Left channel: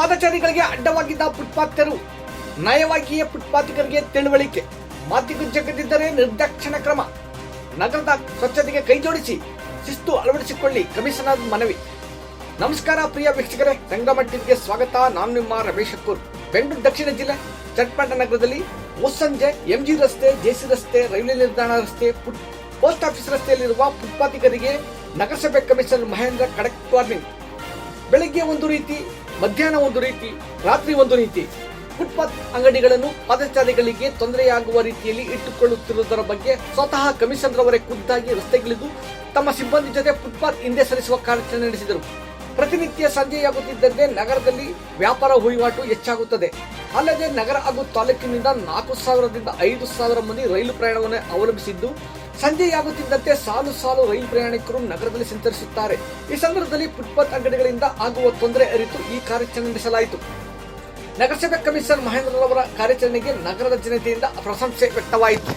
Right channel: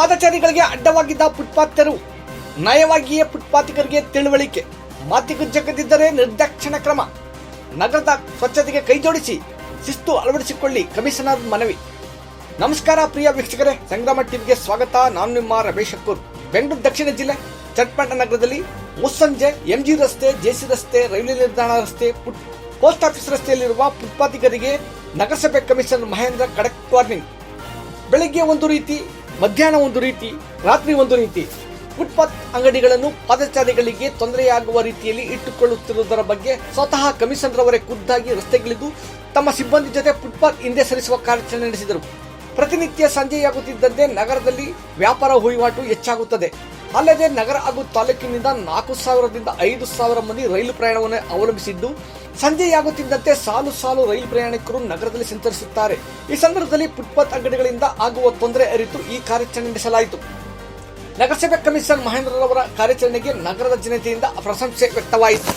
ಪಾದಚಾರಿಗಳಿಗೆ ಅಡ್ಡವಾಗಿದ್ದ footpath ತೆರವು, ನಯವಾಗಿಯೇ ಫುಟ್ಪಾತಿಗರಿಗೆ ತಿಳುವಳಿಕೆ, ಮಾತಿಗೆ ಜಗದಿದ್ದರೆ ನಿರ್ದಾಕ್ಷಿಣ್ಯ ಕ್ರಮ. ನಗರದ ಸ್ವಚ್ಛತೆಗೆ ಕೈಜೋಡಿಸಿ ಶಿಸ್ತು ಅಳವಡಿಸಿಕೊಳ್ಳಿ ಕಮಿಷನರ್ ಮನವಿ. ನಮಸ್ಕಾರ ಪ್ರಿಯ ವೀಕ್ಷಕರೇ, ಸಂಗ್ರಾಮ ಟಿವಿಗೆ ಸ್ವಾಗತ. ನಾನು ನಿಮ್ಮ ರಮೇಶ್ ಅಕ್ಕೂರ್. ಬೆಂಗಳೂರು ದಕ್ಷಿಣ ಜಿಲ್ಲೆ ಚಟ್ಪಟ ನಗರದಲ್ಲಿ ಮುಸ್ಸಂಜೆ ಎಂಜಿ ರಸ್ತೆ, ಜೆಸಿ ರಸ್ತೆ, ರೈಲ್ವೆ ನಿಲ್ದಾಣ ರಸ್ತೆ, ಪೋಸ್ಟ್ ಆಫೀಸ್ ರಸ್ತೆಯಲ್ಲಿರುವ ಫುಟ್ಪಾತಿಗರಿಗೆ ನಗರಸಭೆ ಕಮಿಷನರ್ ಮಹೇಂದ್ರ ಖಡಕ್ ವಾರ್ನಿಂಗ್. ಬೆಳಗ್ಗೆ ಒಂದು ರೀತಿ, ಮಧ್ಯಾಹ್ನ ಒಂದು ರೀತಿ, ರಾತ್ರಿ ಒಂದು ರೀತಿ ಫುಟ್ಪಾತ್ ಅಂಗಡಿಗಳನ್ನು ಪಾದಚಾರಿಗಳಿಗೆ ತೊಂದರೆಯಾಗುವ ರೀತಿಯಲ್ಲಿ ಇಟ್ಟುಕೊಳ್ಳುತ್ತಿರುವುದರ ಬಗ್ಗೆ ಸ್ವತಃ ಕಮಿಷನರ್ ಅವರೇ ಖುದ್ದಾಗಿ ರಸ್ತೆಗಿಳಿದು ತಮ್ಮ ಸಿಬ್ಬಂದಿ ಜೊತೆ ಫುಟ್ಪಾತ್ ಹಿಂದೆ ಸರಿಸುವ ಕಾರ್ಯಾಚರಣೆ ನಡೆಸಿದರು. ಪ್ರತಿನಿತ್ಯ ಸಂಜೆಯಾಗುತ್ತಿದ್ದಂತೆ ನಗರದಲ್ಲಿ ವ್ಯಾಪಾರ ವಹಿವಾಟು ಹೆಚ್ಚಾಗುತ್ತದೆ. ಅಲ್ಲದೆ ನಗರ ಹಾಗೂ ತಾಲೂಕಿನಿಂದ 4,000ರಿಂದ 5,000 ಮಂದಿ ರೈಲು ಪ್ರಯಾಣವನ್ನು ಅವಲಂಬಿಸಿದ್ದು, ಸಂಜೆಯಾಗುತ್ತಿದ್ದಂತೆ ಸಾಲು ಸಾಲು ರೈಲು ಪ್ರಯಾಣಿಕರು ನಗರದಲ್ಲಿ ಸಂಚರಿಸುತ್ತಾರೆ. ಈ ಸಂದರ್ಭದಲ್ಲಿ ಫುಟ್ಪಾತ್ ಅಂಗಡಿಗಳಿಂದ ಆಗುವ ತೊಂದರೆ ಅರಿತು ಈ ಕಾರ್ಯಾಚರಣೆ ನಡೆಸಲಾಯಿತು. ನಗರಸಭೆ ಕಮಿಷನರ್ ಮಹೇಂದ್ರರವರ ಕಾರ್ಯಾಚರಣೆಗೆ ನಗರದ ಜನತೆಯಿಂದ ಪ್ರಶಂಸೆ ವ್ಯಕ್ತವಾಯಿತು.